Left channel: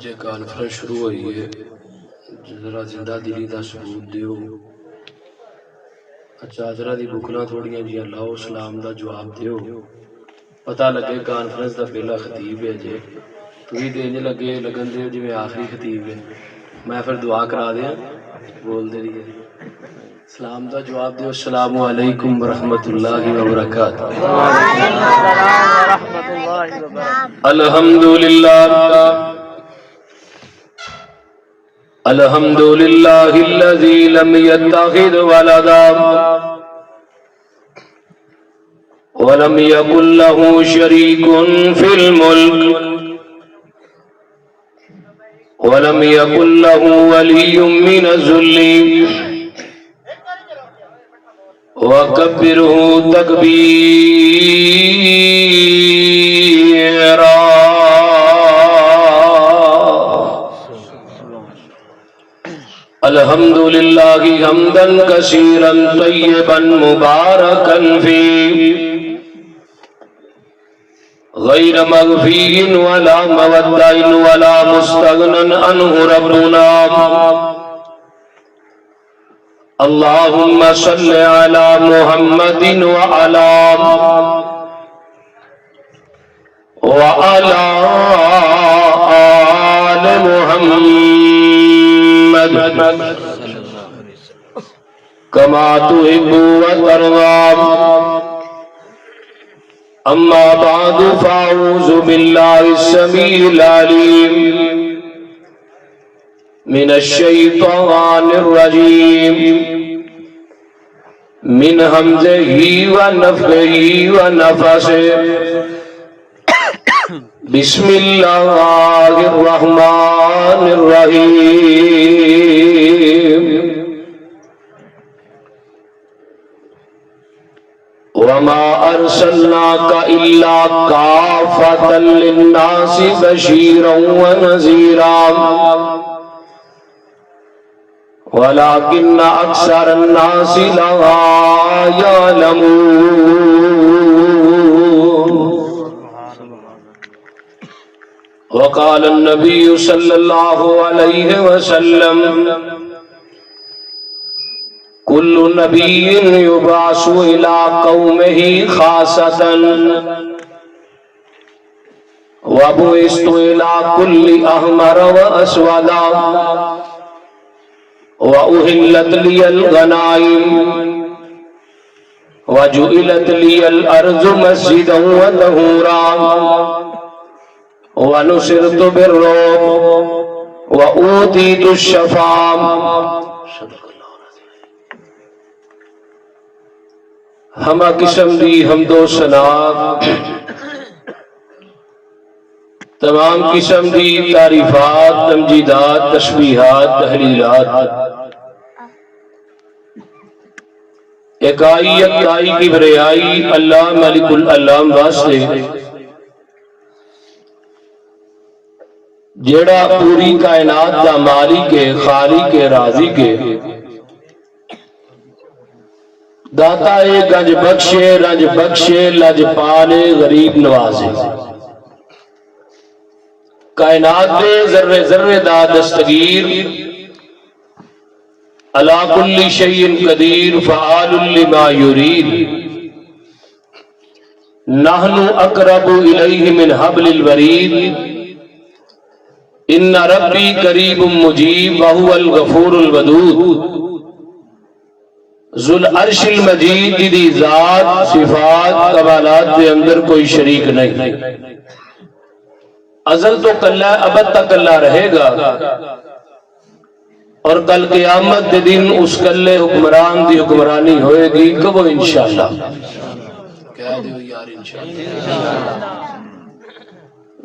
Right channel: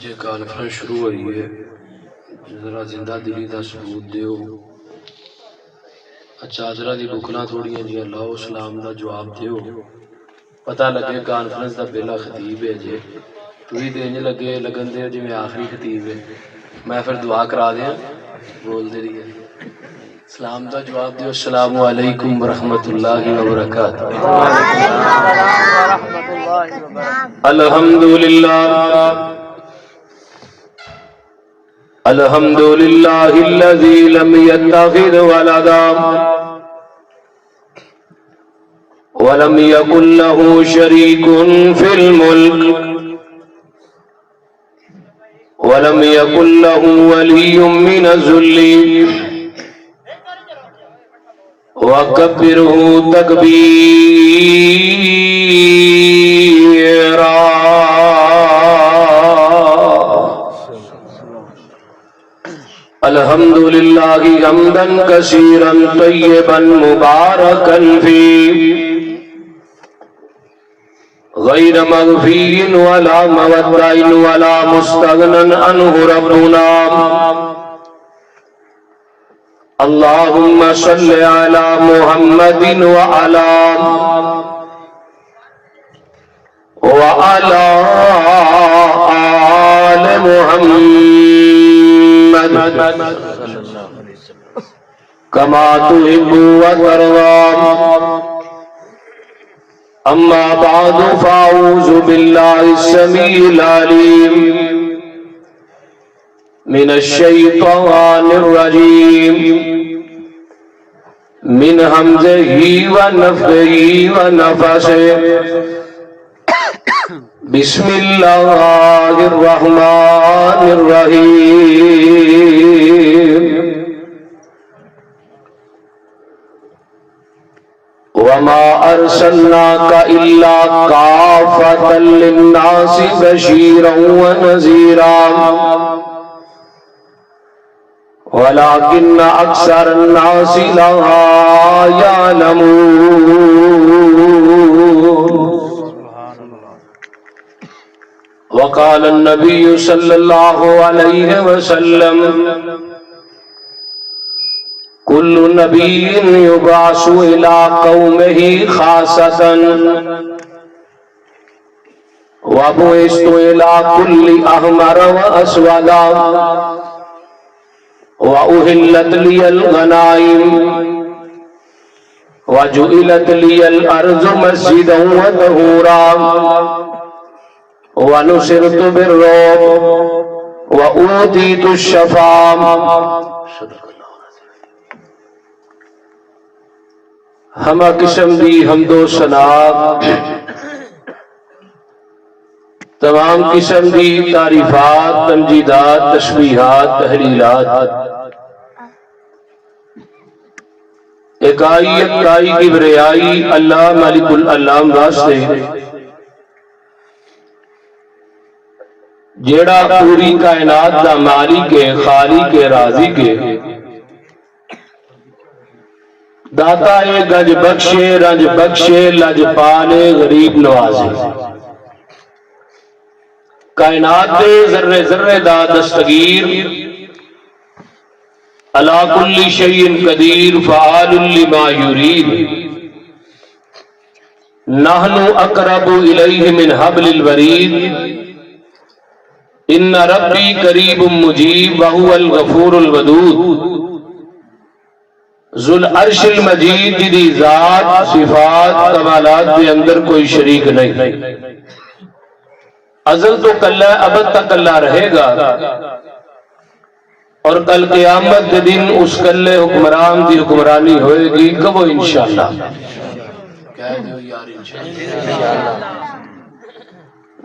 اجے conference شروع ہوئی ہے، ذرا زندہ دلی دا ثبوت دیو۔ چادرہ دی بکنا تھوڑیاں جی لاؤ، سلام دا جواب دیو، پتہ لگے کانفرنس دا پہلا خطیب ہے جے تو ہی دینج لگے لگن دے جی میں آخری خطیب ہے، میں پھر دعا کرا دیا بول دے رہی ہے۔ سلام دا جواب دیو، السلام علیکم ورحمۃ اللہ وبرکاتہ۔ الحمدللہ الحمدللہ الذی لم یتخذ ولدا ولم یکن له شریک فی الملک ولم یکن له ولی من الذل وکبرہ تکبیرا۔ الحمدللہ حمدا کثیرا طیبا مبارکا فیہ غیر مغفی ولا مودع ولا مستغنى عنہ ربنا۔ اللہم صل علی محمد وعلی آل محمد کما تحب وترضى۔ اما بعد فاعوذ باللہ السمیع العلیم من الشیطان الرجیم من حمزہ ونفخہ ونفثہ۔ بسم اللہ الرحمن الرحیم۔ وما ارسلناک الا کافۃ للناس بشیرا ونذیرا ولكن اکثر الناس لا يعلمون۔ وقال النبي صلى الله عليه وسلم كل نبي يبعث إلى قومه خاصة وبعثت إلى كل أحمر وأسود وأهلت لي الغنائم وجعلت لي الأرض مسجدا وطهورا ونصرت بالرعب وأوتيت الشفاعة۔ ہمہ قسم دی حمد و ثنا، تمام قسم دی تعریفات، تمجیدات، تسبیحات، تحلیلات اکائی اکائی کبریائی اللہ مالک العلام واسطے جیڑا پوری کائنات دا مالک کے خالق کے راضی کے داتا اے گنج بخشے رنج بخشے لج پالے غریب نوازے۔ کائنات دے ذرے ذرے دا دستگیر علی کل شیء قدیر فعال لما یرید۔ نحن اقرب الیہ من حبل الورید۔ ان ربی قریب مجیب وہو الغفور الودود۔ ذو العرش المجید دی ذات صفات کمالات کے اندر کوئی شریک نہیں، ازل تو کلہ ابد تک اللہ رہے گا، اور کل قیامت کے دن اس کلے حکمران دی حکمرانی ہوئے گی کبو انشاءاللہ۔ کہہ دیو یار انشاءاللہ۔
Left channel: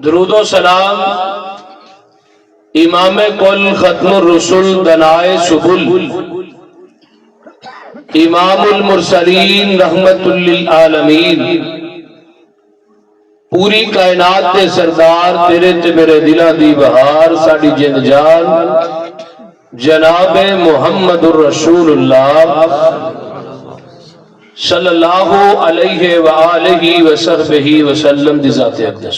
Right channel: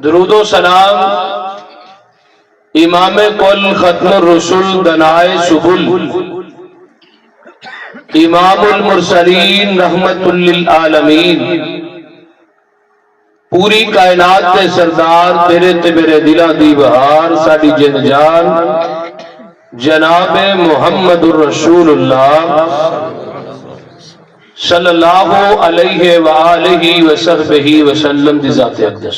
درود و سلام امام کل ختم الرسل دنائے سبل امام المرسلین رحمت للعالمین، پوری کائنات کے سردار تیرے تے میرے دلہ دی بہار ساڑی جند جان جناب محمد الرسول اللہ صلی اللہ علیہ وآلہ وسلم دی ذات اقدس۔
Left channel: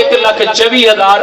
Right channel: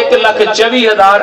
1,24,000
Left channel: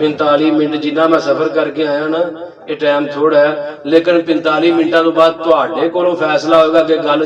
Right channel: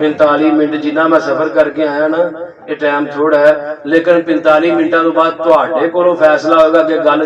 45 ਮਿੰਟ ਜਿੰਨਾ ਮੈਂ ਸਫ਼ਰ ਕਰਕੇ ਆਇਆ ਨਾ, ਇਹ ਟਾਈਮ ਥੋੜਾ ਹੈ, ਲੇਕਿਨ 45 ਮਿੰਟਾਂ ਤੋਂ ਬਾਅਦ ਤੁਹਾਡੇ ਕੋਲੋਂ ਫੈਸਲਾ ਹੋਏਗਾ ਕਿ ਗੱਲ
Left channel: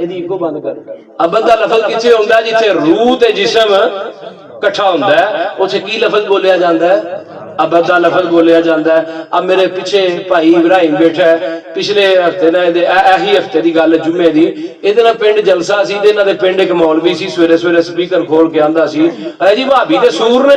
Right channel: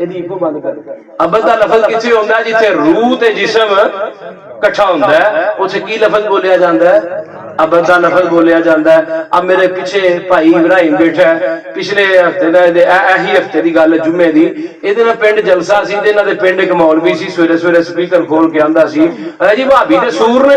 ਇਹਦੀ ਇੱਕੋ ਬੰਦ ਕਰ ਅਬਦ ਦਾ ਲਫ਼ਜ਼ ਕਿੱਥੇ ਹੁੰਦਾ ਜਿੱਥੇ ਰੂਹ ਤੇ ਜਿਸਮ ਇਕੱਠਾ ਹੁੰਦਾ ਹੈ ਉੱਥੇ ਕੀ ਲਫ਼ਜ਼ ਬੋਲਿਆ ਜਾਂਦਾ ਹੈ ਅਬਦ ਦਾ ਲਫ਼ਜ਼ ਬੋਲਿਆ ਜਾਂਦਾ ਹੈ। ਆ ਮੇਰੇ ਪਿੱਛੇ ਭਾਈ ਇਬਰਾਹਿਮ ਬੈਠਾ ਹੈ ਪਿਛਲੇ ਹਫਤੇ ਦਾ ਇਹੀ ਹਫਤੇ ਦੀ ਗੱਲ ਜੁਮੇ ਦੀ ਇਹਦੇ ਨਾਲ ਪਿੰਡ ਜਲਸਾ ਸੀ ਤੇ ਇਹਨਾਂ ਦੇ ਪਿੰਡ ਇੱਕ ਮੌਲਵੀ ਸੀ ਸਵੇਰੇ ਸਵੇਰੇ ਸਪੀਕਰ ਖੋਲ ਕੇ ਆਂਦਾ ਸੀ ਹੈ ਜੀ ਭਾਬੀ ਦੇ ਸੂਰ ਨੇ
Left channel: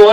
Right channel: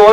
2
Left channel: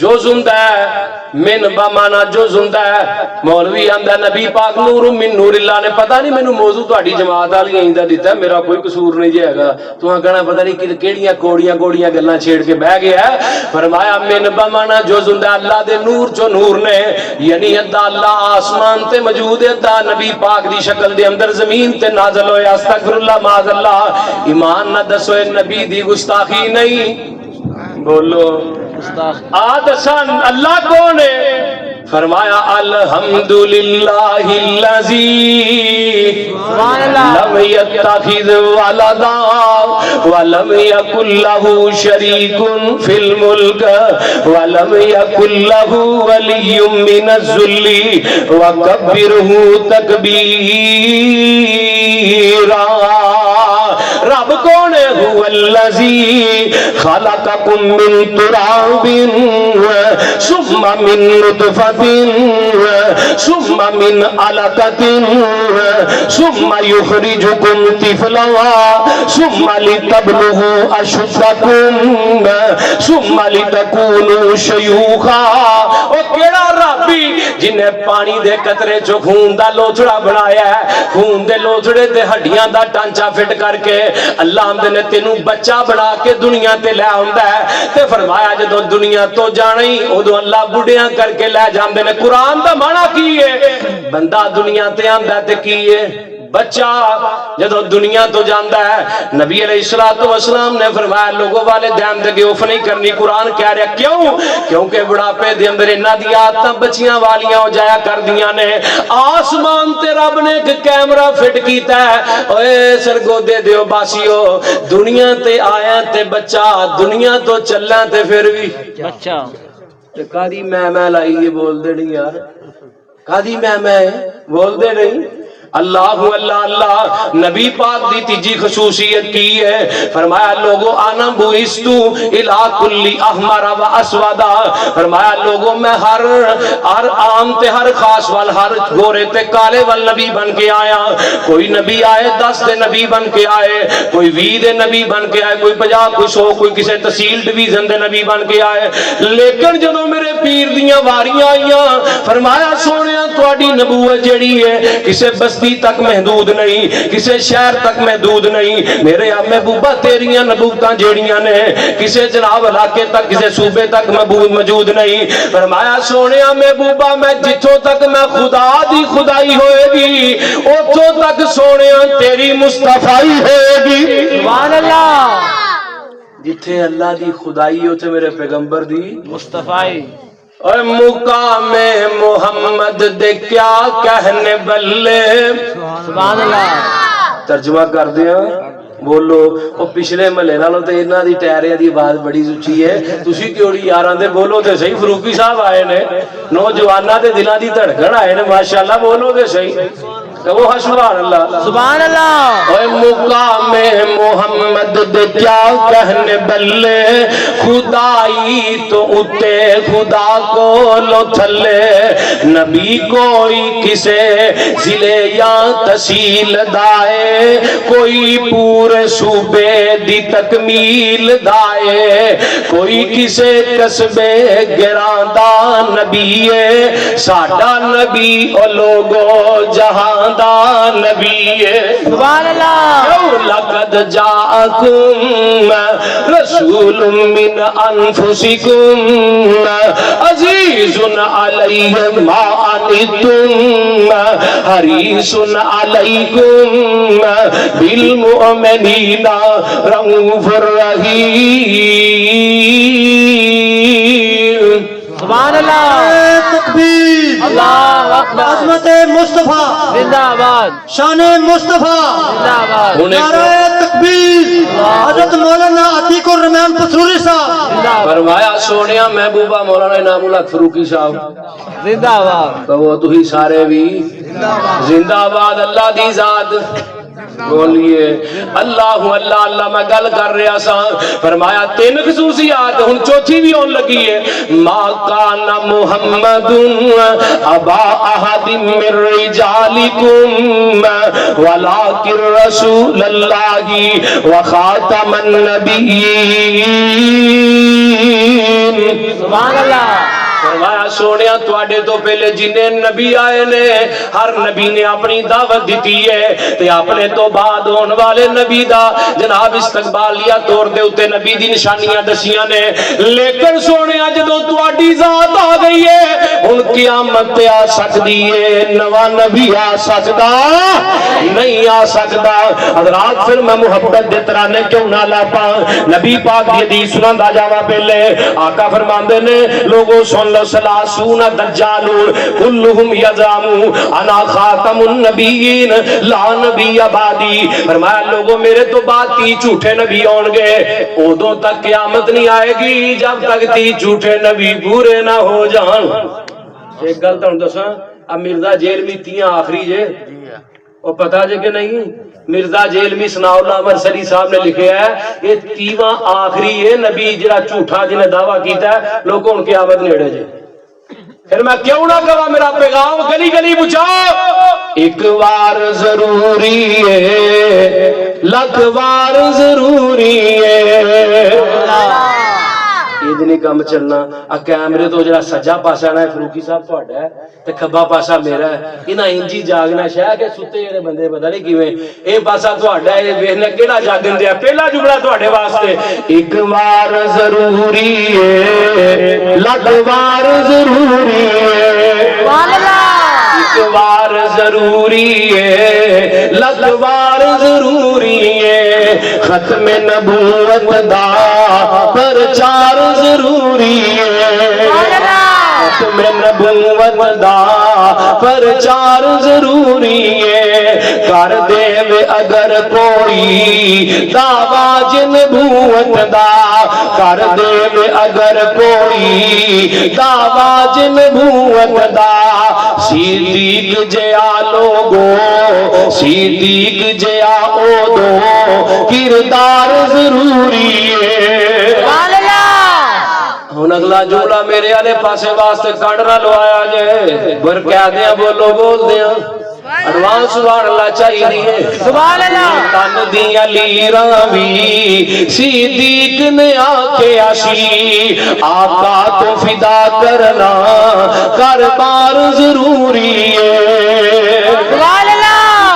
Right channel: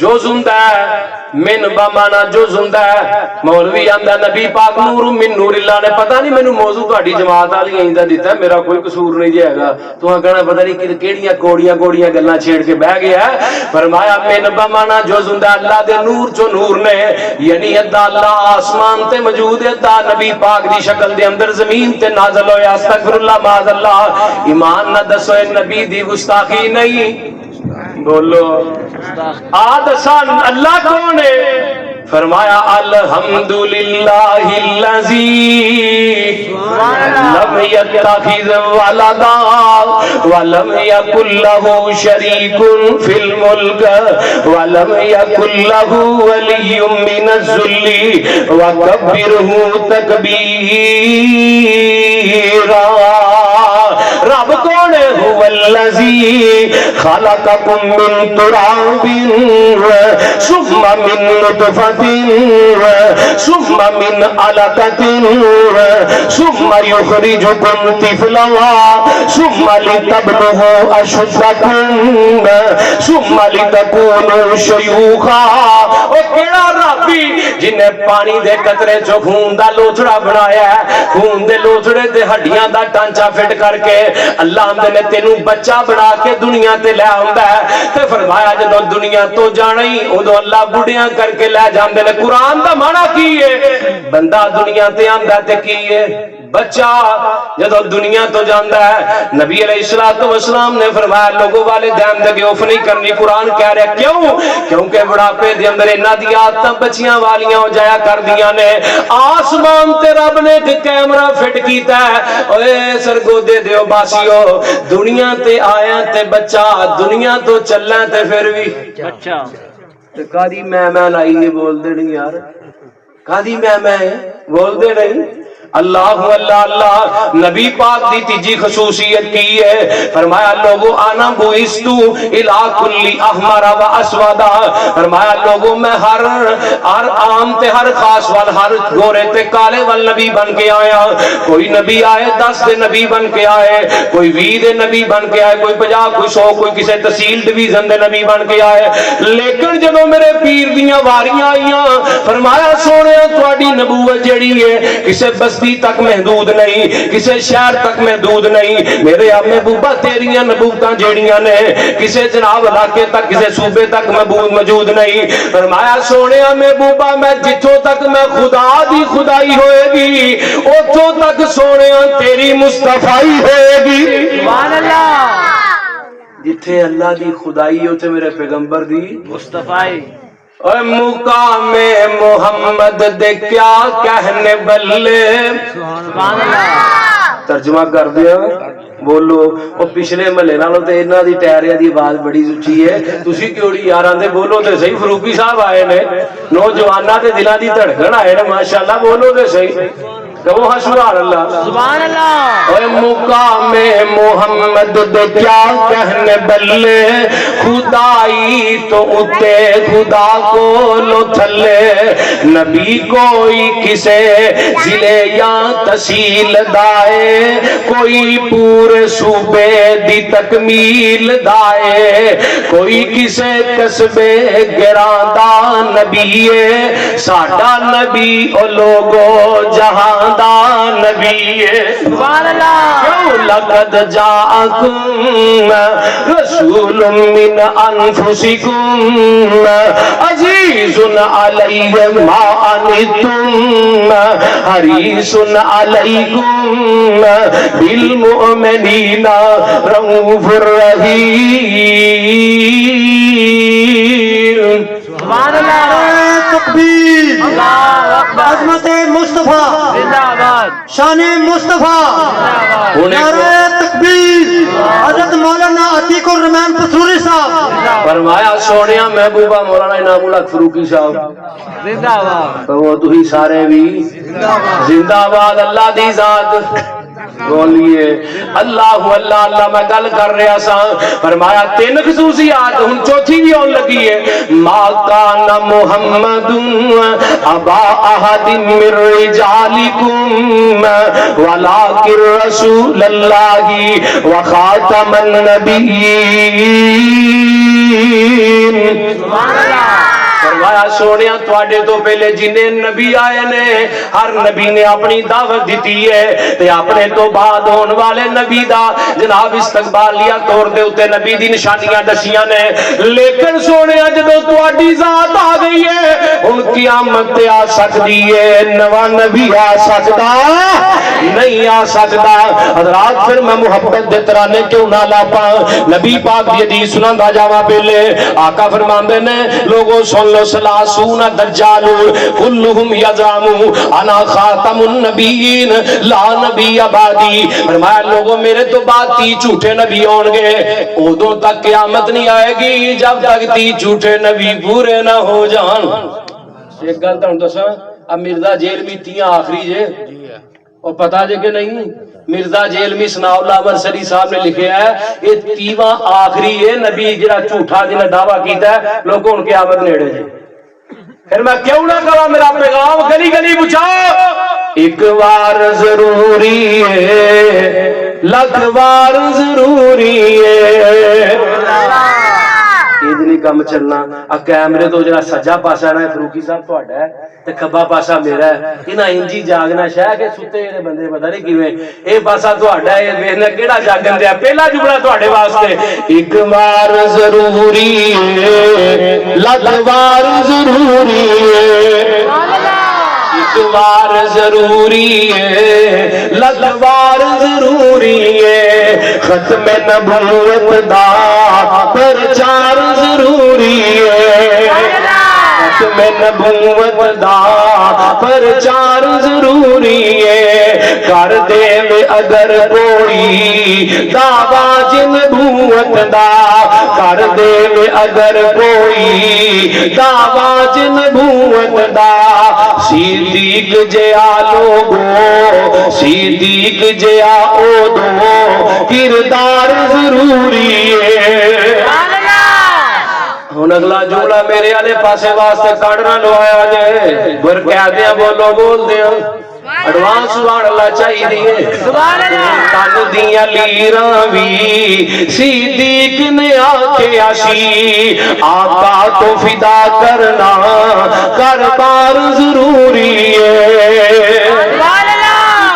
جز ہوندا ہے، من بمانا جز ہوندا ہے۔ مولوی آندا نبی پاک نور من نور اللہ نے، پتہ نہیں مینوں موضوع تہاڈی جماعت والی ایندا دتا، میرا کوئی قصور نہیں جی ہےگا، تساں کہنا پتہ نہیں کیڑیاں کوڑیاں گلاں چھیڑ کے بہ گیا ہے۔ فرمایا من بمانا جز ہوندا اللہ دے نور چو نور نے، یعنی ادا اللہ آسمان تے موجود ہے، ادا نبی پاک دی شکل دے اندر زمین تے نازل ہویا۔ استغفر اللہ معاذ اللہ، ایمان نہ دسو اے نبی دی گستاخی نہیں؟ بولو آدسان اللہ کون ہے؟ فرمایا الحمدللہ الذی لم یتخذ ولدا ولم یکن لہ شریک فی الملک ولم یکن لہ ولی من الذل وکبرہ تکبیرا۔ رب کون ہے؟ هو الذی خلقکم من تراب ثم من نطفة ثم من علقة ثم يخرجكم طفلا ثم لتبلغوا أشدكم ثم لتكونوا شيوخا۔ او کیڑا ربی جنہیں پانی دے قطرے چو خون دا لوچڑا بنایا ہے، خون دے لوچڑے تے ہڈیاں دا ٹانچا فٹ کر کے اللہ آمدے نے تینوں بچہ بنا کے دنیا تے لے آندا ہے۔ تے فرمایا جدو دنیا تو جانی ادو اللہ بڑھیاں کر کے لے جاندے نے۔ قرآن دا معنی کی ہے؟ بندہ دنیا تے آندا تے کی ہے؟ بچہ جدو دنیا تو جاندا ہے۔ نبی علیہ السلام نے فرمایا لوگوں والے دھیان دے گیوف نہیں کرنی۔ قرآن کہہ رہے کیوں؟ کیونکہ بڑھاپے دے اندر انہاں دی عادتاں بچیاں والیاں ہو جایا کر دیاں نے۔ آسمان تے رب نے ایک کیمرہ فٹ کیتا ہے، اوے سرگودے دیو باسیو، دنیا تے آیا تے بچہ، دنیا تو چلنا تے پھر بھی بچہ۔ تے کادی میں لائی یہ بول دے نہیں یار، کادی میں بول دے نہیں۔ اللہ اللہ اللہ نبی پاک دی تیجی خصوصیت کی ہے، فرمایا لوگوں آنا بوئستو الہ کلی احمر و اسودا، فرمایا لوگوں میں ہر عام تے ہر خاص وال، ہر گورے تے کالے وال نبی بن کے آیا۔ کوئی نبی آئے 10 دے نبی بن کے آئے، کوئی 20 دے نبی بن کے آئے، کوئی 50 کوئی 100 کوئی کسے تحصیل ڈویژن دے نبی بن کے آئے۔ لیکن جدوں میرے پیر دیاں واریاں آئیاں، فرمایا سونیا تواڈی نبوت جڑی ہے کسے بستی تک محدود نہیں، کسے شہر تک محدود نہیں۔ میرے امی بوبا تیریاں نبوتاں جیڑیاں نے کسے جناب علاقے تک کسے صوبے تک موجود نہیں۔ فرمایا سونیا میں بوبا میں جتھوں تک میں خدا دی خدائی ہوئے گی اتھوں تک سونیا تیری مصطفائی ہوئے گی۔ سبحان اللہ۔ جتھے اللہ دی خدائی ہوتے میرے پیغمبر دی مصطفائی۔ اور مقام محمد دے کیا کہنے بلے، سبحان اللہ۔ ترجمہ کر دیا بولو او پچھلے محلے نالوں تے انہاں دی ٹائریاں دی آواز بڑی اونچی ہے، تسی کیوڑی یاراں دے بولو تے صحیح۔ فروقی صاحب آئے نے، نوجواناں دے دلاں دی دھڑکن آئے نے، ماشاءاللہ بولو تے صحیح۔ کہو سبحان اللہ سبحان اللہ۔ اے مقام محمد دے کیا کہنے بلے، خدائی تو اتے خدا کو لو تھلے، نبی کوئی کسے ضلع یا تحصیل دائے، کوئی پورے صوبے دی تکمیل دائے، کوئی کسے قصبے گراندہ نبی ہے، ساڈا نبی او لوگو جہاں نبی سبحان اللہ۔ لقد جاءکم رسول من انفسکم عزیز علیہ ما عنتم حریص علیکم بالمؤمنین رؤوف رحیم۔ سبحان اللہ۔ تکبیر، عظمت مصطفیٰ زندہ باد، شان مصطفیٰ نعرہ تکبیر۔ حضرت مولانا عتیق الرحمان پسوری صاحب۔ فرمایا سونیا محبوبہ مولانا انعام الحق فروقی صاحب زندہ باد، کہو تھی سارے بھی زندہ باد۔ اللہ دی ذات بولیے اللہ اللہ اللہ۔ میں گل کر رہا سا، فرمایا 3 خصوصیات ہن چوتھی بھی آن لگی ہے۔ ما کان محمد ابا احد من رجالکم ولکن رسول اللہ وخاتم النبیین۔ سبحان اللہ۔ فرمایا سونیا تواڈے تو پہلے جنہیں نبی آئے نے ہر نبی نے اپنی دعوت دیتی ہے تے اپنے تو بعد ہون والے نبی دا جناب استقبال لیا طور دے اتے نبی دی نشانیاں دسیاں نے لیکن سونیا جدوں تواڈی ذات آ گئی ہے ہن قیامت تے آ سکدی ہے نواں نبی آ سکدا نہیں آ سکدا حضرات پھر میں محبت دے ترانے کیوں نہ لاپا نبی پاک دی حدیث سناندا جاواں پہلے آقا فرماندے نے لوگوں سن لو سلاسون دجال کلہم یزعم انا خاتم النبیین لا نبی بعدی فرمایا لوگوں میرے تو بعد 30 جھوٹے نبی ہون گے ادوں تک قیامت نہیں آئے گی جب تک 30 جھوٹے نبی پورے نہ ہو جان ایک گل تانوں دساں اب مرزا جیلمی 30 آخری جے اور پتہ جے کہ نہیں مرزا جیلمی ثناء اللہ مرسلی صاحب نے لکھیا ہے یہ 30واں آخری ہے نبی جڑا جھوٹا جنہیں دعویٰ کیتا ہے لوگوں ان قیامت نیڑے جے پھر میں کیوں نہ کروں میرا پیغام گلی گلی پہنچاؤ ایک بار ضروری ہے لکھ بار ضروری ہے یہ نہیں کم چلنا کیمرے تو جڑا سجا پاسا ہے فروکی صاحب تہاڈا ہے تے کھبا پاسا میرا ہے انہاں انجی جاگنا شاہ کہ ستے جڑے بندے پتہ نہیں کیویں اے پاسا تہاڈا ہے ویکھنا کیڑا جاگن دیا پہلا جملہ تہاڈے واسطے ایک بار ضروری ہے لکھ بار ضروری ہے ایک بار ضروری ہے لکھ بار ضروری ہے ختم نبوت دا پرچار ضروری ہے ختم نبوت دا پرچار ضروری ہے کر دے میں اگر کوئی دعوی نبوت دا کر دے میں اگر کوئی دعوی نبوت دا صدیق جیا لوگو صدیق جیا او دو کردار ضروری ہے ہن اگلا جملہ میرے والے پاسے واسطے کڈ نہ لوایا جے بر کہہ دیا بولو بول دیا ایڈوانس سبحان اللہ چاہیے سبحان اللہ تن دیاں لیراں وی صدیق نے آکھے آشی آقا تو فدا کرنا کر بار ضروری ہے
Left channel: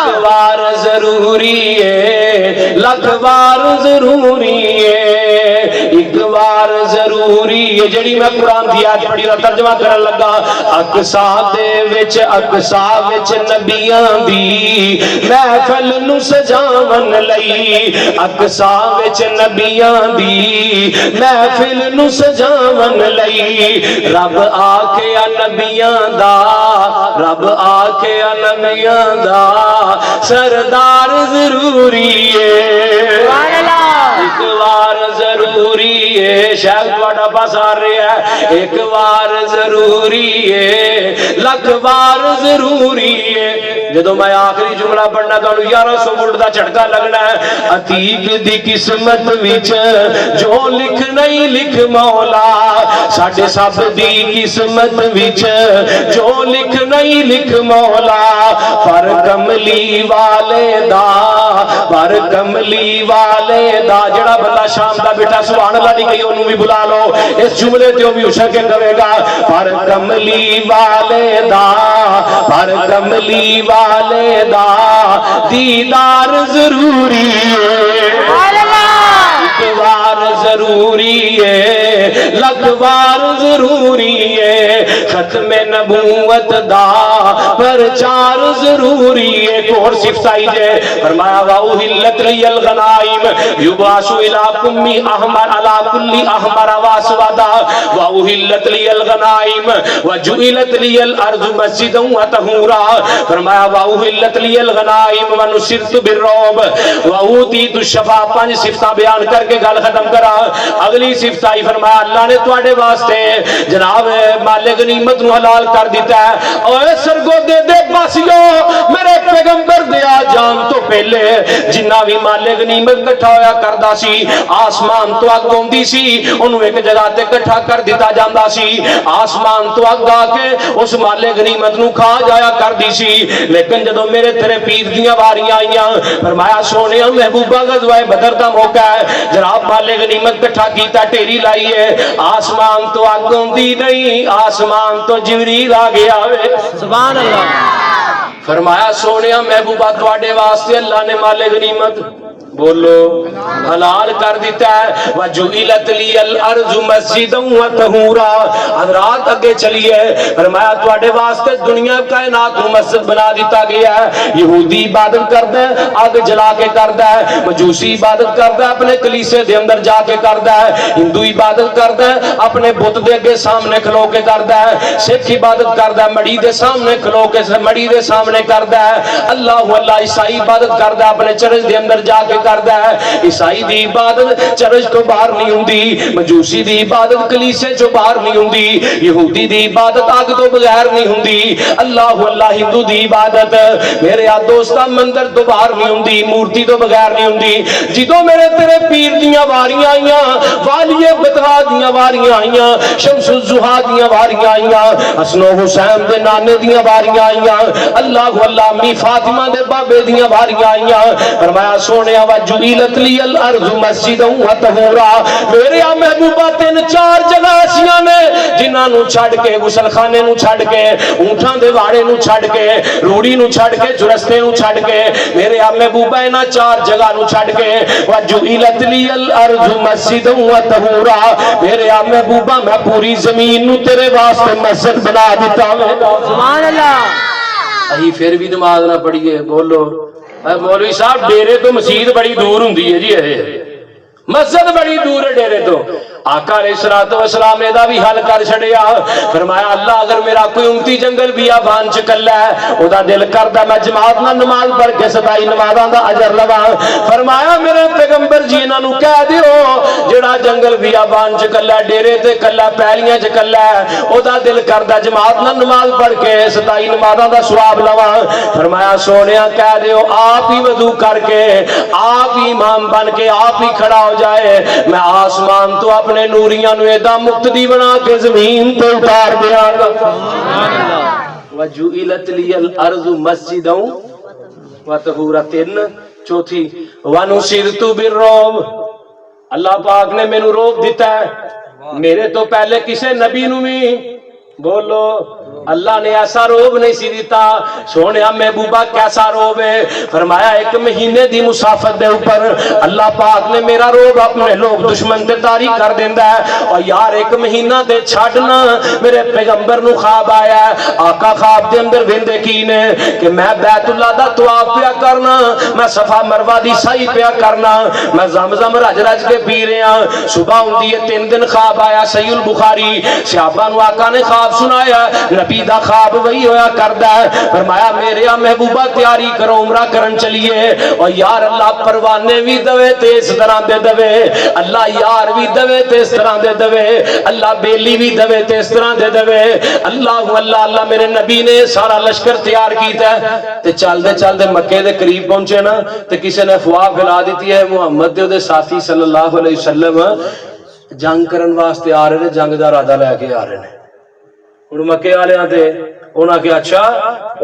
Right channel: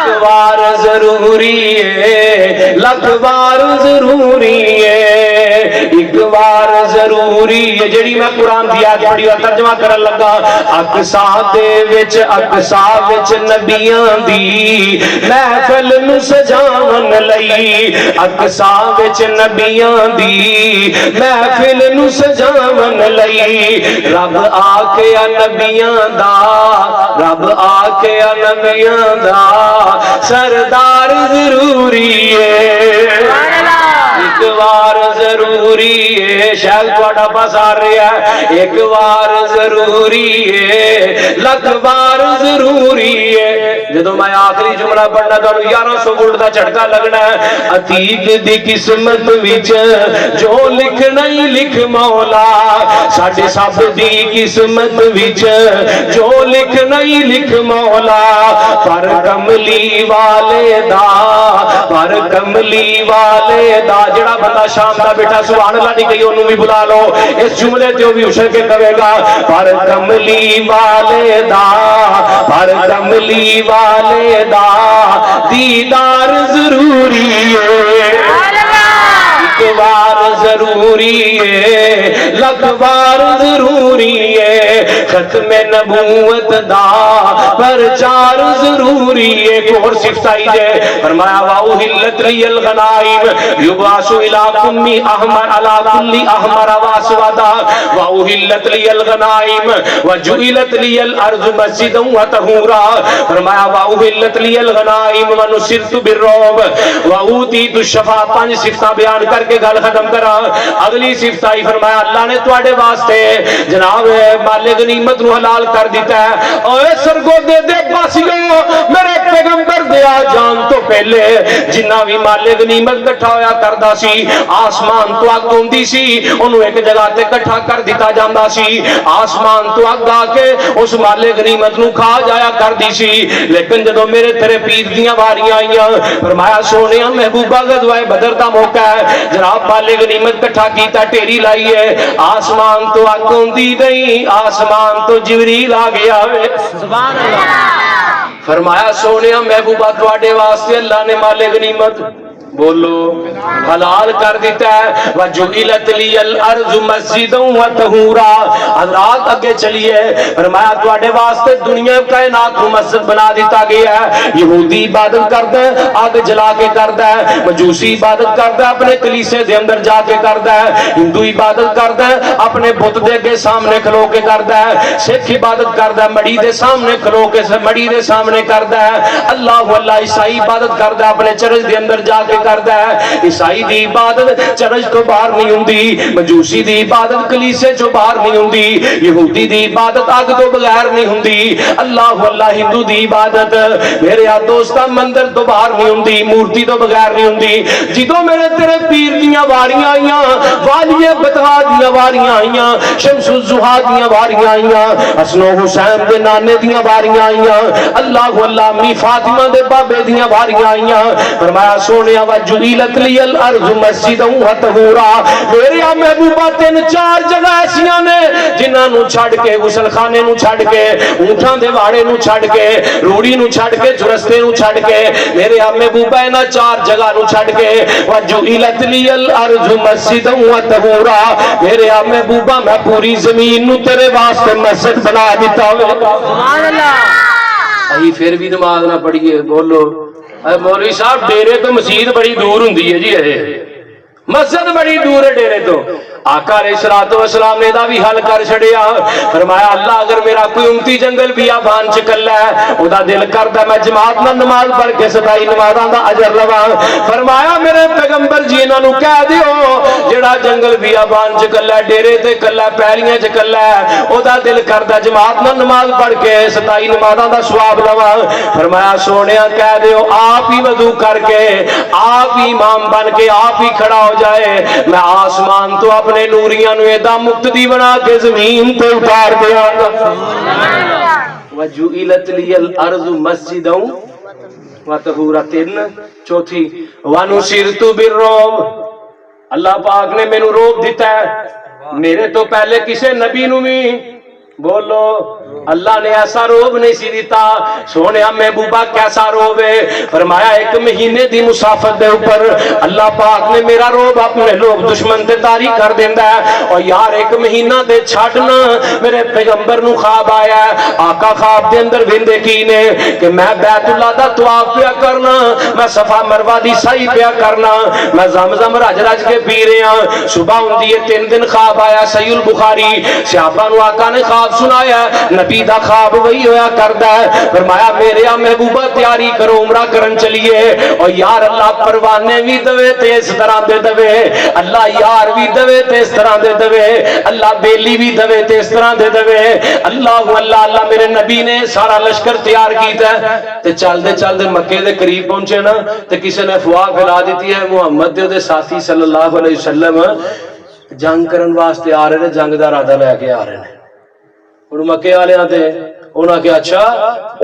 ایک بار ضروری ہے لکھ بار ضروری ہے ایک بار ضروری ہے جڑی میں قرآن دی آیت پڑھی اور ترجمہ کرن لگا اقصا دے وچ نبیاں دی محفل نو سجاون لئی اقصا وچ نبیاں دی محفل نو سجاون لئی رب آکھیا نبیاں دا رب آکھیا نبیاں دا سردار ضروری ہے ایک بار ضروری ہے شاید تھوڑا پاس آ رہا ہے ایک بار ضروری ہے لکھ بار ضروری ہے جدو میں آخری جملہ پڑھنا تو 1100 وولٹ دا جھٹکا لگنا ہے عتیق دی قسمت وچ جو لکھ نہیں لکھ مولا ساڈے سب دی قسمت وچ جو لکھ نہیں لکھ مولا پر کملی والے دا پر کملی والے دا جڑا بندہ شام دا بیٹھا سبحان اللہ نہیں کہی انہوں بھی بلا لو اس جملے تے بھی اچھل کے کہے گا پر کملی والے دا پر کملی والے دا دیدار ضروری ہے ایک بار ضروری ہے لکھ بار ضروری ہے ختم نبوت دا پرچار ضروری ہے ایک اور صفت آئی جے فرمایا وَأُحِلَّتْ لِيَ الْغَنَائِمُ يُبْعَثُ إِلَىٰ كُلِّ أَحْمَرَ عَلَىٰ كُلِّ أَحْمَرَ وَأَسْوَدَ وَأُحِلَّتْ لِيَ الْغَنَائِمُ وَجُعِلَتْ لِيَ الْأَرْضُ مَسْجِدًا وَطَهُورًا فرمایا وَأُحِلَّتْ لِيَ الْغَنَائِمُ وَنُصِرْتُ بِالرُّعْبِ وَأُوتِيتُ الشَّفَاعَةَ پانچ صفتاں بیان کر کے گل ختم کرا اگلی صفت آئی فرمایا اللہ نے تواڈے واسطے جناب مال غنیمت نو حلال کر دیتا ہے اور سرگودے دے باسیو میرے پیغمبر دے آ جان تو پہلے جنہ بھی مال غنیمت کٹھا ہویا کردا سی آسمان تو اگ ہوندی سی انہوں ایک جگہ تے کٹھا کر دیتا جاندا سی آسمان تو اگ آ کے اس مال غنیمت نو کھا جایا کر دی سی لیکن جدوں میرے تیرے پیر دیاں واریاں آئیاں فرمایا سونیا محبوبہ غزوہ بدر دا موقع ہے جناب مال غنیمت کٹھا کیتا ٹیری لائیے آسمان تو اگ ہوندی نہیں آسمان تو جبریل آ گیا وے سبحان اللہ فرمایا سونیا محبوبہ تواڈے واسطے اللہ نے مال غنیمت بولو حلال کر دیتا ہے وَجُعِلَتْ لِيَ الْأَرْضُ مَسْجِدًا وَطَهُورًا حضرات اگے چلیے فرمایا تواڈے واسطے دنیا کائنات کو مسجد بنا دیتا گیا ہے یہودی عبادت کردا ہے آگ جلا کے کردا ہے مجوسی عبادت کردا ہے اپنے کلیسے دے اندر جا کے کردا ہے ہندو عبادت کردا ہے اپنے بت دے اگے سامنے کھلو کے کردا ہے سکھ عبادت کردا ہے مڑی دے سامنے کھلو کے مڑی دے سامنے کردا ہے اللہ اللہ عیسائی عبادت کردا ہے اپنے چرچ دے اندر جا کے کردا ہے عیسائی دی عبادت چرچ تو باہر نہیں ہوندی مجوسی دی عبادت کلیسے چوں باہر نہیں ہوندی یہودی دی عبادت آگ تو بغیر نہیں ہوندی اللہ اللہ ہندو دی عبادت میرے دوستا مندر تو باہر نہیں ہوندی مورتی تو بغیر نہیں ہوندی جدوں میرے تیرے پیر دیاں واریاں آئیاں والی بدوا دیاں واریاں آئیاں شمس الزہا دیاں واریاں آئیاں حسن و حسین دے نانے دیاں واریاں آئیاں اللہ اللہ امی فاطمہ دے بابے دیاں واریاں آئیاں فرمایا سونیا وَجُعِلَتْ لِيَ الْأَرْضُ مَسْجِدًا وَطَهُورًا میرے محبوبہ تین چار جگہ ایسیاں نے جنہاں نو چھڑ کے غسل خانے نو چھڑ کے اونٹاں دے واڑے نو چھڑ کے روڑی نو چھڑ کے چرستے نو چھڑ کے میرے محبوبہ انہاں چار جگہ نو چھڑ کے وَجُعِلَتْ لِيَ الْأَرْضُ مَسْجِدًا وَطَهُورًا میرے محبوبہ میں پوری زمین نو تیرے واسطے مسجد بنا دیتا ہوئے سبحان اللہ اہی پھر بھی نماز نہ پڑھیے بولو مولوی صاحب ڈیرے تو مسجد بڑی دور ہوندی ہے جی مسجد بڑی دور ہے ڈیرے تو آقا علیہ الصلوۃ والسلام نے دا بھی حل کر چھڑیا فرمایا اللہ اگر میرا کوئی امتی جنگل بیابان چ کلا ہے او دا دل کردا میں جماعت نال نماز پڑھ کے 27 نمازاں دا اجر لواں فرمایا میرے پیغمبر جی انہاں نو کہہ دیو جڑا جنگل بیابان چ کلا ڈیرے تے کلا پیلیاں چ کلا او دا دل کردا جماعت نال نماز پڑھ کے 27 نمازاں دا ثواب لواں فرمایا سونیا کہہ دیو آپ ہی وضو کر کے آپ ہی امام بن کے آپ ہی کھڑا ہو جائے میں آسمان تو اپنے نوریاں نو ایدا مقتدی بنا کے زمین تے اتار دیا گا وَجُعِلَتْ لِيَ الْأَرْضُ مَسْجِدًا وَطَهُورًا چوتھی وَنُصِرْتُ بِالرُّعْبِ اللہ پاک نے مینوں روب دیتا ہے میرے تو پہلے کسے نبی نو بھی بولو اللہ نے ایسا روب نہیں سی دیتا سونیا محبوبہ کیسا روب ہے فرمایا ایک مہینے دی مسافت دے اوپر اللہ پاک نے میرا روب اپنے لوگ دشمن تے طاری کر دیندا ہے اور یار ایک مہینہ دے چھڈنا میرے پیغمبر نو خواب آیا ہے آقا خواب دے اندر ویندے کی نے کہ میں بیت اللہ دا طواف پیا کرنا میں صفا مروہ دی سعی پیا کرنا میں زمزم رج رج کے پی رہا صبح ہوندی ہے 3 دن خواب آیا صحیح البخاری صحابہ نو آقا نے خواب سنایا نبی دا خواب وہی ہویا کردا ہے فرمایا میرے محبوبہ تیاری کرو عمرہ کرن چلیے اور یار اللہ پروانے بھی دوے تے اس طرح دے دوے اللہ یار بھی دوے تے اس طرح دے دوے اللہ بیلی بھی دوے تے اس طرح دے دوے اللہ اللہ اللہ میرے نبی نے سارا لشکر تیار کیتا ہے تے چل دے مکے دے قریب پہنچے نا تے کسی نے افواہ پھیلا دیتی ہے محمد دے ساتھی صلی اللہ علیہ وسلم جنگ کرن واسطے آ رہے نے جنگ دا ارادہ لے کے آ رہے ہیں ہن مکے والے تے انہاں کہ اچھا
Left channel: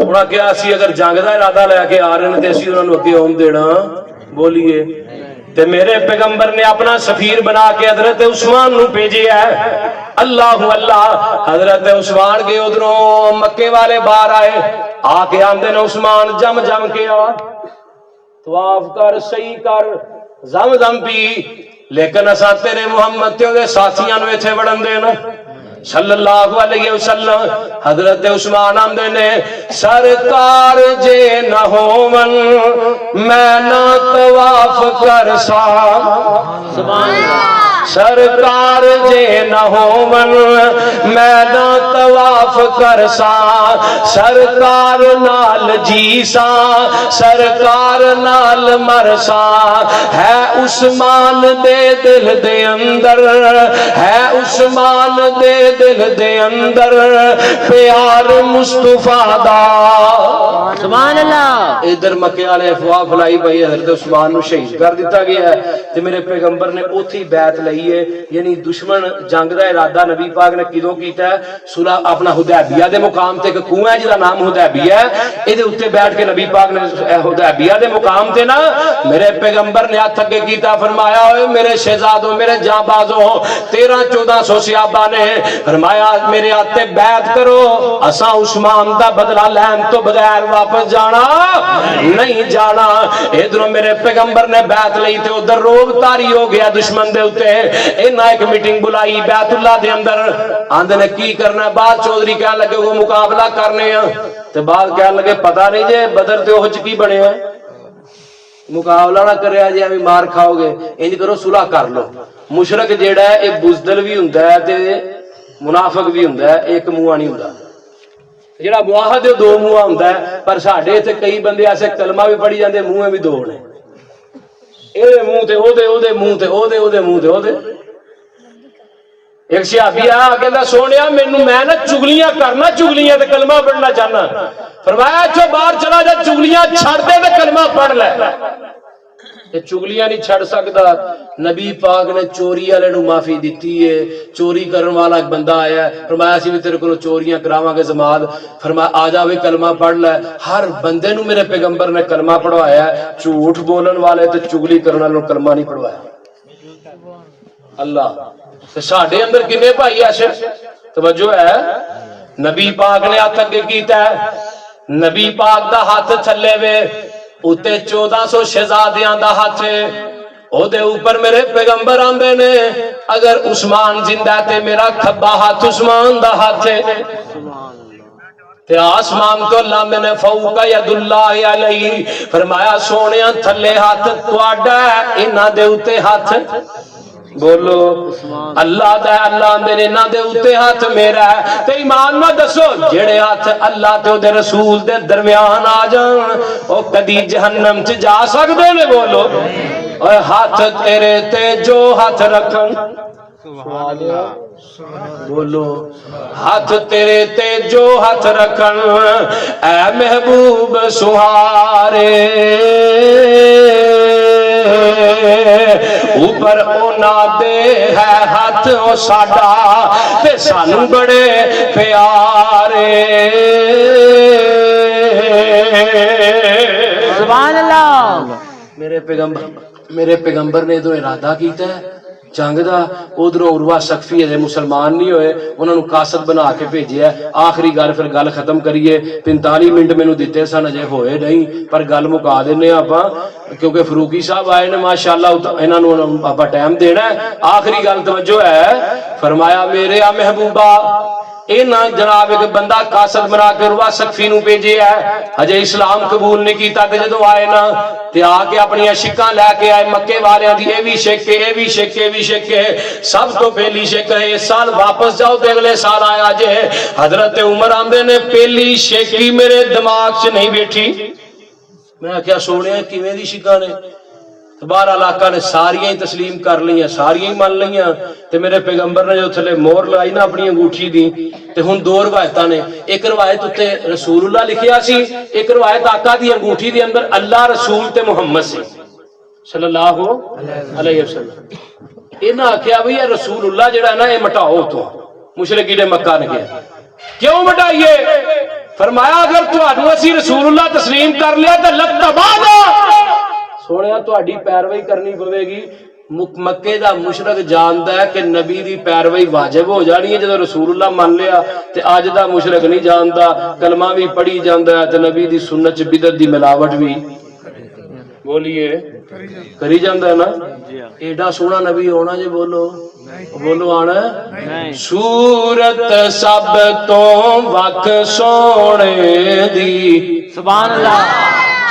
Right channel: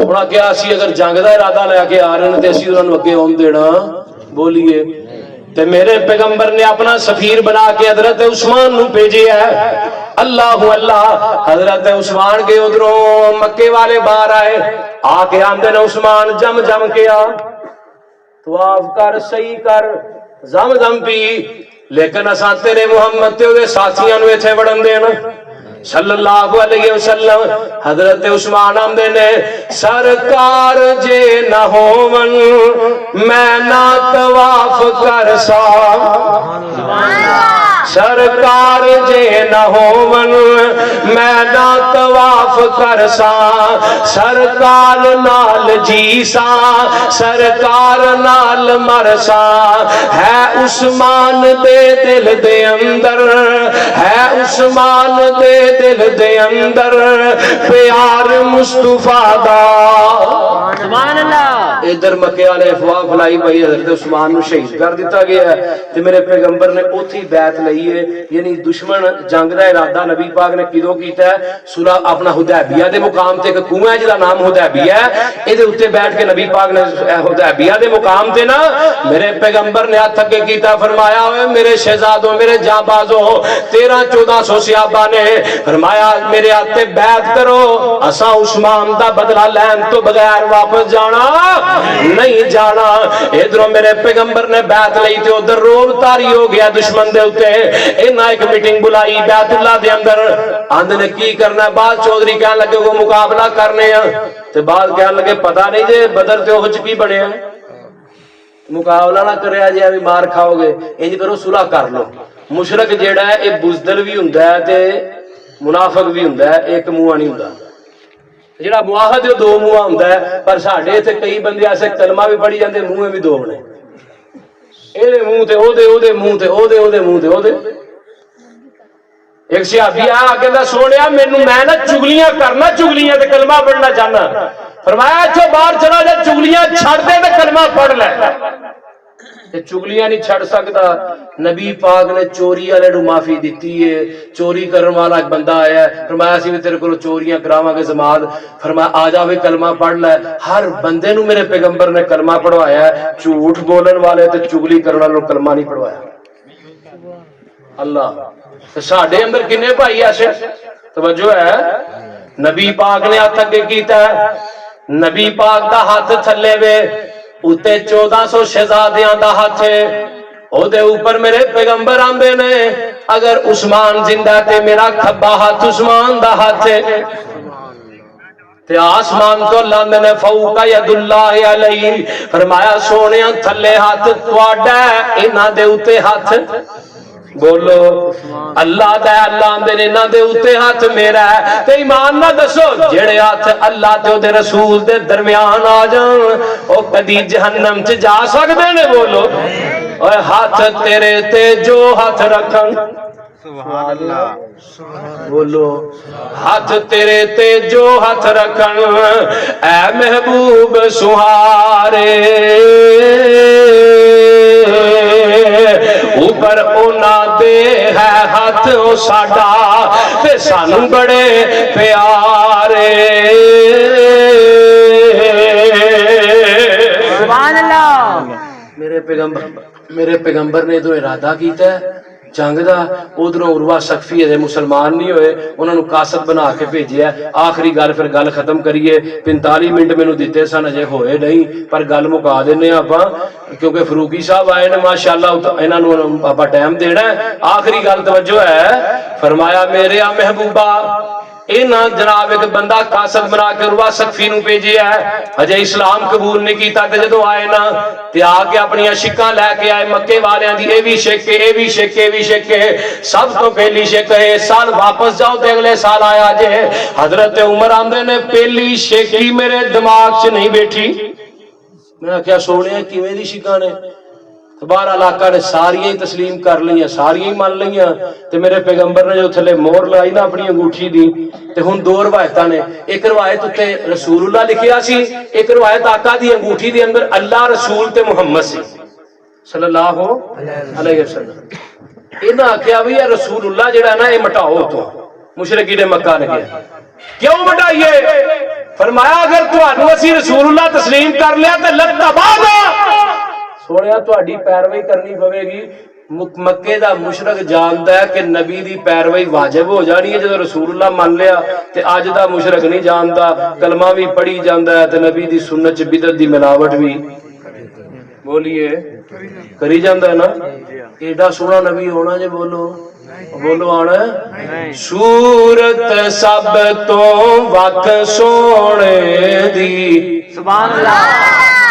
انہاں کہ اسی اگر جنگ دا ارادہ لے کے آ رہے ہیں تے اسی انہاں نوں اگے آن دینا بولیے تے میرے پیغمبر نے اپنا سفیر بنا کے حضرت عثمان نو بھیجیا ہے اللہ اللہ حضرت عثمان کے ادھروں مکے والے باہر آئے آ کے آندے نے عثمان جم کے آ طواف کر صحیح کر زم پی لیکن اساں تیرے محمد تے او دے ساتھیاں نو ایتھے وڑن دینا صلی اللہ علیہ وسلم حضرت عثمان آمدے نے سرکار جے نہ ہوون میں نہ طواف کر سا سبحان اللہ سرکار جے نہ ہوون میں نہ طواف کرسا سرکار نال جیسا سرکار نال مرسا ہے عثمان دے دل دے اندر ہے عثمان دے دل دے اندر پیار مصطفیٰ دا سبحان اللہ ادھر مکے والے افواہ پھیلائی بھائی حضرت عثمان نو شہید کر دیتا گیا ہے تے میرے پیغمبر نے اوتھی بیعت لئی ہے یعنی دشمن جنگ دا ارادہ نبی پاک نے کدوں کیتا ہے سورہ اپنا حدیبیہ دے مقام تے ایک کنواں ہے جدا نام حدیبیہ ہے اے اوتے بیٹھ کے نبی پاک نے حدیبیہ دے مقام تے نا میرے پیغمبر نے ہاتھ اگے کیتا فرمایا اوے میرے شہزادوں میرے جانبازوں 1300-1400 صحابہ نے فرمایا میرے ہاتھ تے بیعت کرو اساں عثمان دا بدلہ لین تو بغیر واپس جانا نہیں جانا ادھروں میرے پیغمبر نے بیعت لئی تے ادھر روب تاری ہو گیا دشمن دے اوتے انہاں ایک میٹنگ بلائی بیت اللہ دے اندر آندے نے کی کرنا ہے بعد چودھری کہنے لگے وہ مقابلہ کرنے ہیں تے بعد کہنے لگے پتہ نہیں جے بدر تے اوہ کی بنے ہیں مقابلہ نہ کریا جے ابھی مار کھاؤ گے انج کرو صلح کر لو مشرک جیڑا ہے ایک بزدل بھی ہوندا ہے تے منافق بھی ہوندا ہے ایک منہ نہیں ہوندا جڑا معاہد ہے دو منہ ہوندا ہے پر ساڈے ایتھے کئی بندے ایسے کلمہ بھی پڑھی جاندے منہ بھی دو نے اے منہ تے او دے منہ تے او دے منہ تے او دے ایک صحابی آیا کہندا سونیا مینوں میں نا چگلیاں کرنا چگلیاں تے کلمہ پڑھنا چاہنا فرمایا اچھا باہر چلا جا چگلیاں چھڑ دے تے کلمہ پڑھ لے تے چگلیاں نہیں چھڑ سکتا نبی پاک نے چوری والے نو معافی دیتی ہے چوری کرن والا ایک بندہ آیا ہے فرمایا اسی بھی تیرے کو چوریاں کراواں گے زماد فرمایا آ جا بھی کلمہ پڑھ لے ہر بندے نو میرے پیغمبر نے کلمہ پڑھوایا ہے جھوٹ بولن والے تے چگلی کرن والے نو کلمہ نہیں پڑھوایا اللہ تے ساڈے اندر کنے بھائی ایسے توجہ ہے نبی پاک نے ہاتھ اگے کیتا ہے نبی پاک دا ہاتھ تھلے وے اتے 1400 شہزادیاں دا ہاتھ ہے او دے اوپر میرے پیغمبر آندے نے اگر عثمان زندہ تے میرا کھبا ہاتھ عثمان دا ہاتھ ہے تے آسمان تو لاندے نے فوق ید اللہ علیہ فرمایا سونیاں تھلے ہاتھ تواڈا انہاں دے اوتے ہاتھ بولو اللہ دا اللہ اندے انہاں دے اوتے ہاتھ میرا ہے تے ایمان نہ دسو جڑے ہاتھ اللہ تے او دے رسول دے درمیان آ جان او کدی جہنم چ جا سکدے نے بولو اوے ہاتھ تیرے تے جو ہاتھ رکھن سبحان اللہ بولو ہاتھ تیرے تے جو ہاتھ رکھن اے محبوب سہارے اوپر اونا دے ہے ہاتھ او ساڈا تے سانو بڑے پیارے سبحان اللہ میرے پیغمبر نے تو ارادہ کیتا ہے جنگ دا ادھروں عروہ سقفی ہے مسلمان نہیں ہوئے انہوں نے قاصد بنا کے بھیجیا ہے آخری گل پھر گل ختم کریے 45 منٹ مینوں دتے سن اجے ہوئے نہیں پر گل مکا دینے آپاں کیونکہ فروقی صاحب آئے نے ماشاءاللہ انہاں نوں آپاں ٹائم دینا ہے آخری گل توجہ ہے فرمایا میرے آ محبوبہ انہاں جناب ایک بندہ قاصد بنا کے عروہ سقفی نوں بھیجیا ہے ہجے اسلام قبول نہیں کیتا تے جدوں آئے نا تے آ کے اپنی شکاں لے کے آئے مکے والیاں دی اے وی شک اے وی شک اے وی شک سب تو پہلی شک ہے اس سال واپس جاؤ تے اگلے سال آیا جے حضرت عمر آندے نے پہلی شک ہی میرے دماغ چ نہیں بیٹھی میں آخیا سونے کیویں دی شکاں نے بارہ علاقہ نے ساریاں ہی تسلیم کر لیاں ساریاں ہی مان لیاں تے میرے پیغمبر نے جو تھلے مور لائی نا اپنی انگوٹھی دی تے ہن دو روایتاں نے ایک روایت تے رسول اللہ لکھیا سی ایک روایت آقا دی انگوٹھی دے اندر اللہ رسول تے محمد سی صلی اللہ علیہ وسلم انہاں آکھیا بھی یہ رسول اللہ جڑا نا اے مٹاؤ تو مشرکی نے مکہ نے کیا کیوں مٹائیے فرمایا اگر تہانوں اسی رسول اللہ تسلیم کر لیا تے لتبادا سوڑیا تہاڈی پیروی کرنی پوے گی مکے دا مشرک جاندا ہے کہ نبی دی پیروی واجب ہو جانی ہے جدوں رسول اللہ مان لیا تے اج دا مشرک نہیں جاندا کلمہ بھی پڑھی جاندا ہے تے نبی دی سنت چ بدعت دی ملاوٹ بھی بولیے کری جاندا ہے نا ایڈا سونا نبی ہونا جے بولو بولو آنا صورت سب تو وکھ سونے دی سبحان اللہ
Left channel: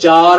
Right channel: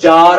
4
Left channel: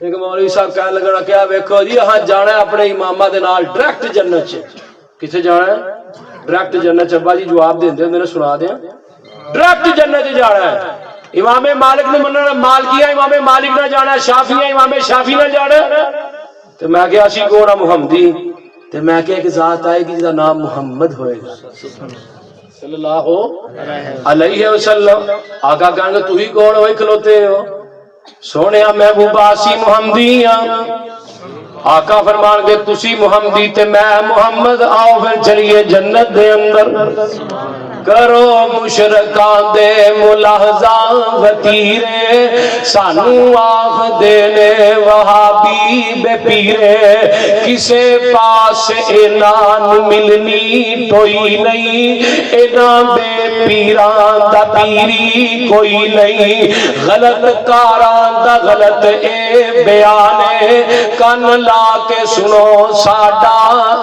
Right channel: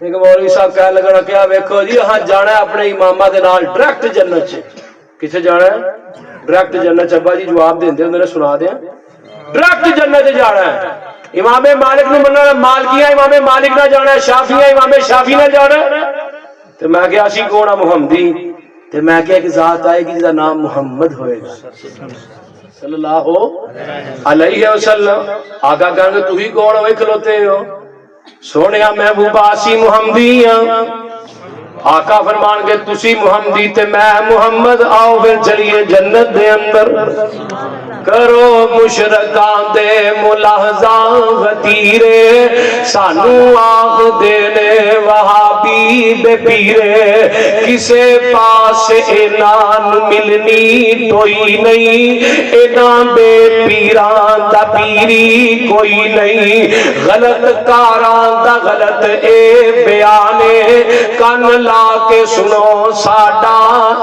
ایک مولوی صاحب کہنے لگا کیا ویکھو جی ہاں جانا ہے اپنے امامہ دے نال ڈائریکٹ جنت چ کتنے جانا ہے ڈائریکٹ جنت چبا جی جواب دیندے ہوندے نے سنا دیاں ڈائریکٹ جنت جانا ہے امام مالک نو مننا مالکیاں امام مالک نہ جانا ہے شافعیاں امام شافعی نہ جانا ہے تے میں کہ اسی کون محمدی تے میں کہ ایک ذات آئے گی جس دا نام محمد ہوئے گا صلی اللہ علیہ وسلم آقا کہیں گے تو ہی کون ہوئے کھلوتے ہو سونیا محبوب آسی محمدی آقا فرمان کے تسی محمدی تے میں محمد آؤ پھر چلیے جنت دے اندر کرو مشرکان دے ملاحظہ وطیرے سانو آخ دینے وہابی دے پیرے کسے پاس اینان ملنی کوئی نہیں اینان بے پیران دا پیری کوئی نہیں غلط کاران دا غلط اے بیانے کن لا کے سنو ساڈا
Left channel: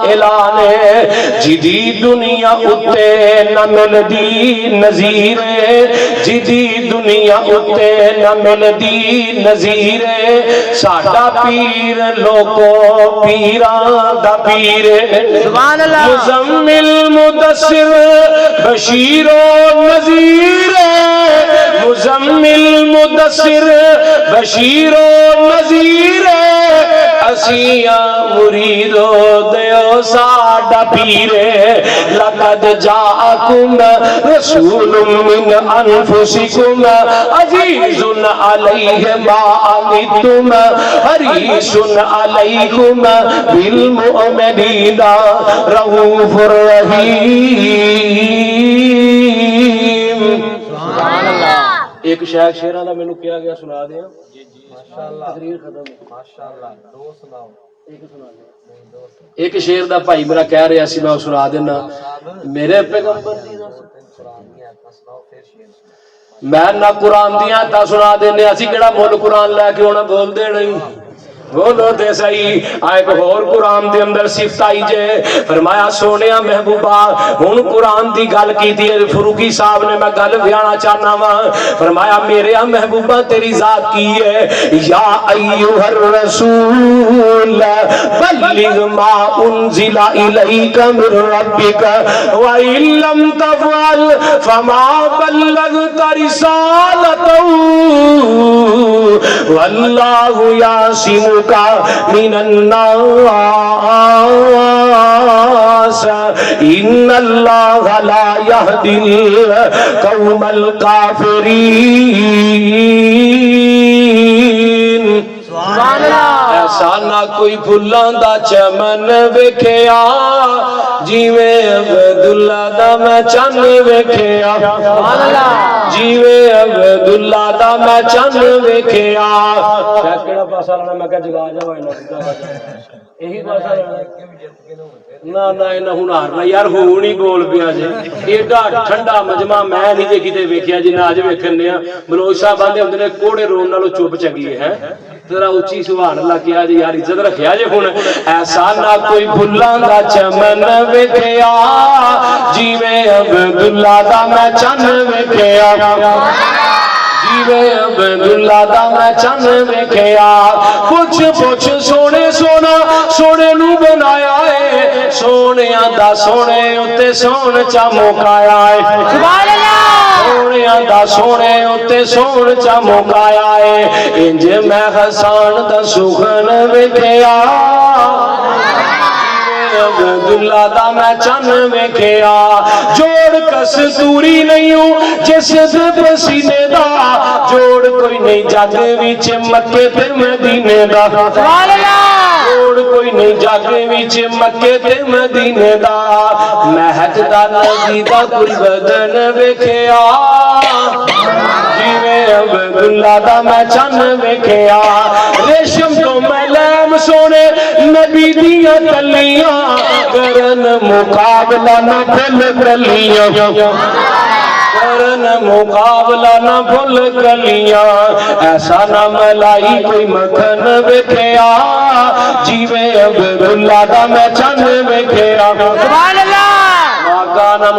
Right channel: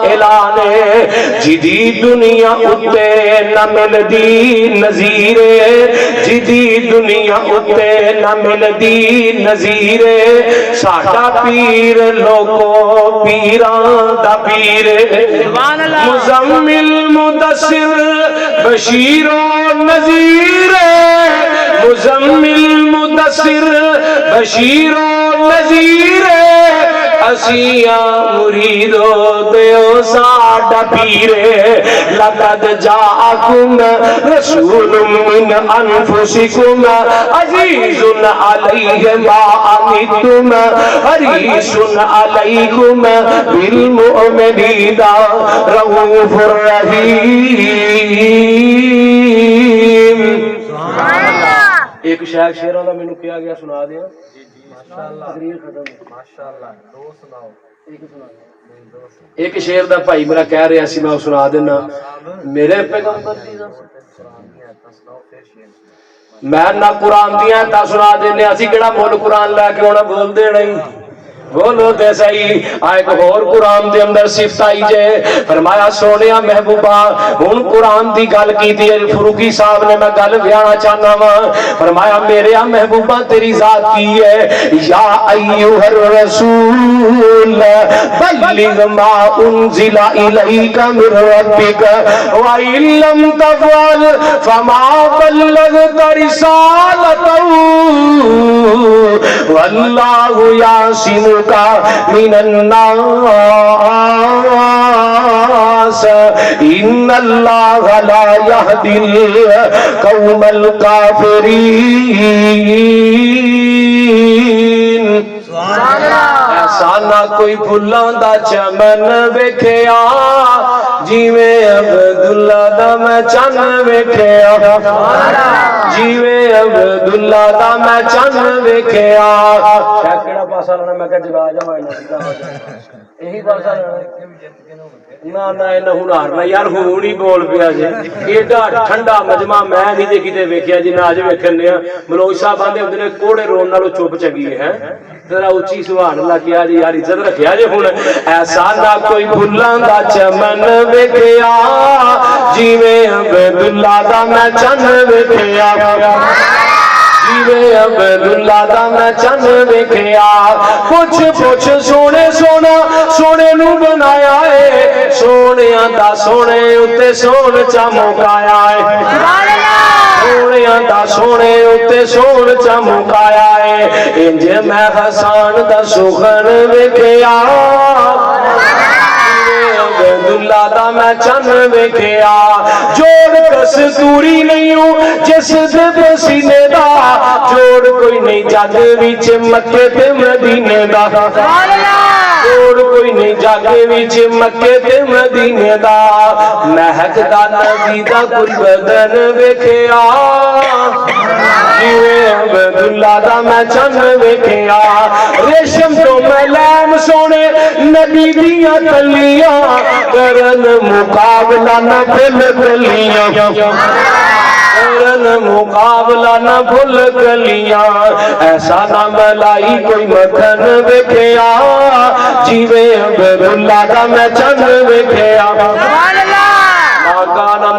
اعلانے جدی دنیا اتے نہ ملدی نظیرے جدی دنیا اتے نہ ملدی نظیرے ساڈا پیر لوگو پیران دا پیرے مزمل مدثر بشیر و نذیر مزمل مدثر بشیر و نذیر اسیاں مریدو دیو ساڈا پیرے لقد جاءکم رسول من انفسکم عزیز علیہ ما عنتم حریص علیکم بالمؤمنین رؤوف الرحیم ایک شاید شیران دا میں نے کیا گیا سنا دیا تقریر ختم ماشاءاللہ دو سناؤ ایک شعر دا بھائی میرا کہہ رہا سی میں سنا دینا میرے پیغمبر میں نہ قرآن دیاں تا سنا دینے اسی کیڑا مول قرآن لے کے ہونا بول دے نہیں بولو تے صحیح ایک اور قرآن دے اندر صفت آئی جے فرمایا سونیا محبوبہ ہن قرآن دی گل کیتی ہے فروغی صاحب نے میں گل بیانا چاہنا وا فرمایا میرے محبوبہ تیری ذات کی ہے یا ایھا الرسول بلغ ما انزل الیک من ربک وان لم تفعل فما بلغت رسالتہ واللہ یعصمک من الناس ان اللہ لا یہدی القوم الکافرین ایسا نہ کوئی پھلاں دا چمن ویکھیا جیویں عبداللہ دا میں چن ویکھیا جیویں عبداللہ دا میں چن ویکھیا کیڑا پاسا لینا میں کہ جگا جاواں یہی پاسا لینا نہ نہ نہ ہنار نہ یار ہوں نہیں بول پیا جی ایڈا ٹھنڈا مجمع میں نہیں جے کتے ویکھیا جی نہ اج ویکھنے ملوچ صاحب آندے ہوندے نے کوڑے رون نالوں چپ چنگی ہے ذرا اونچی سبحان اللہ کیا جی یار عزت رکھیا جی ہن ایسا نہ کوئی بھلاں دا چمن ویکھیا جیویں عبداللہ دا میں چن ویکھیا جیویں عبداللہ دا میں چن ویکھیا پوچھ پوچھ سونے سونا سونے نو بنایا ہے سونیاں دا سونے اتے سون چمکایا ہے سونیاں دا سونے اتے سون چمکایا ہے انج میں حسان دا سخن ویکھیا عبداللہ دا میں چن ویکھیا جوڑ کستوری نہیں ہوں جس دے سینے دا جوڑ کوئی نہیں جگ وچ مکے تے مدینے دا جوڑ کوئی نہیں جگ وچ مکے تے مدینے دا مہک دا نبی دا کوئی بدن ویکھیا جیویں عبداللہ دا میں چن ویکھیا ریشم تو ملام سونے نبی دیاں تلیاں کرن مقابلہ نہ بھول کلیاں کرن مقابلہ نہ بھول کلیاں ایسا نہ ملائی کوئی مکھن ویکھیا جیویں عبداللہ دا میں چن ویکھیا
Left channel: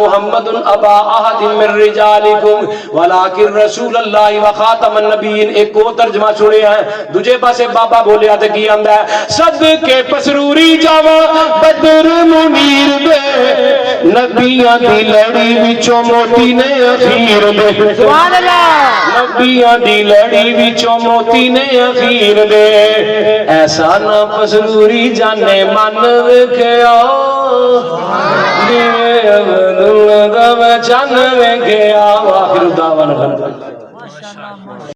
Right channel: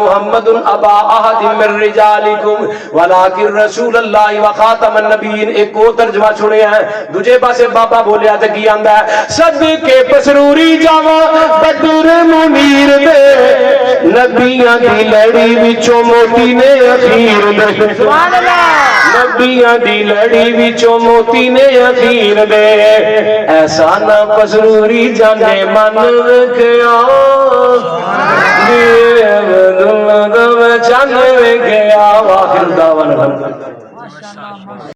محمد ابا احد من رجالکم ولکن رسول اللہ وخاتم النبیین۔ ایک اور ترجمہ سنے ہیں، دوجے پاسے بابا بولیا تے کی آندا ہے، صدقے پسروری جاواں بدر منیر دے نبیاں دی لڑی وچوں موتی نے اخیر دے، سبحان اللہ، نبیاں دی لڑی وچوں موتی نے اخیر دے، ایسا نہ پسروری جانے من وکھیا چن گیا۔ واخر دعوانا الحمدللہ۔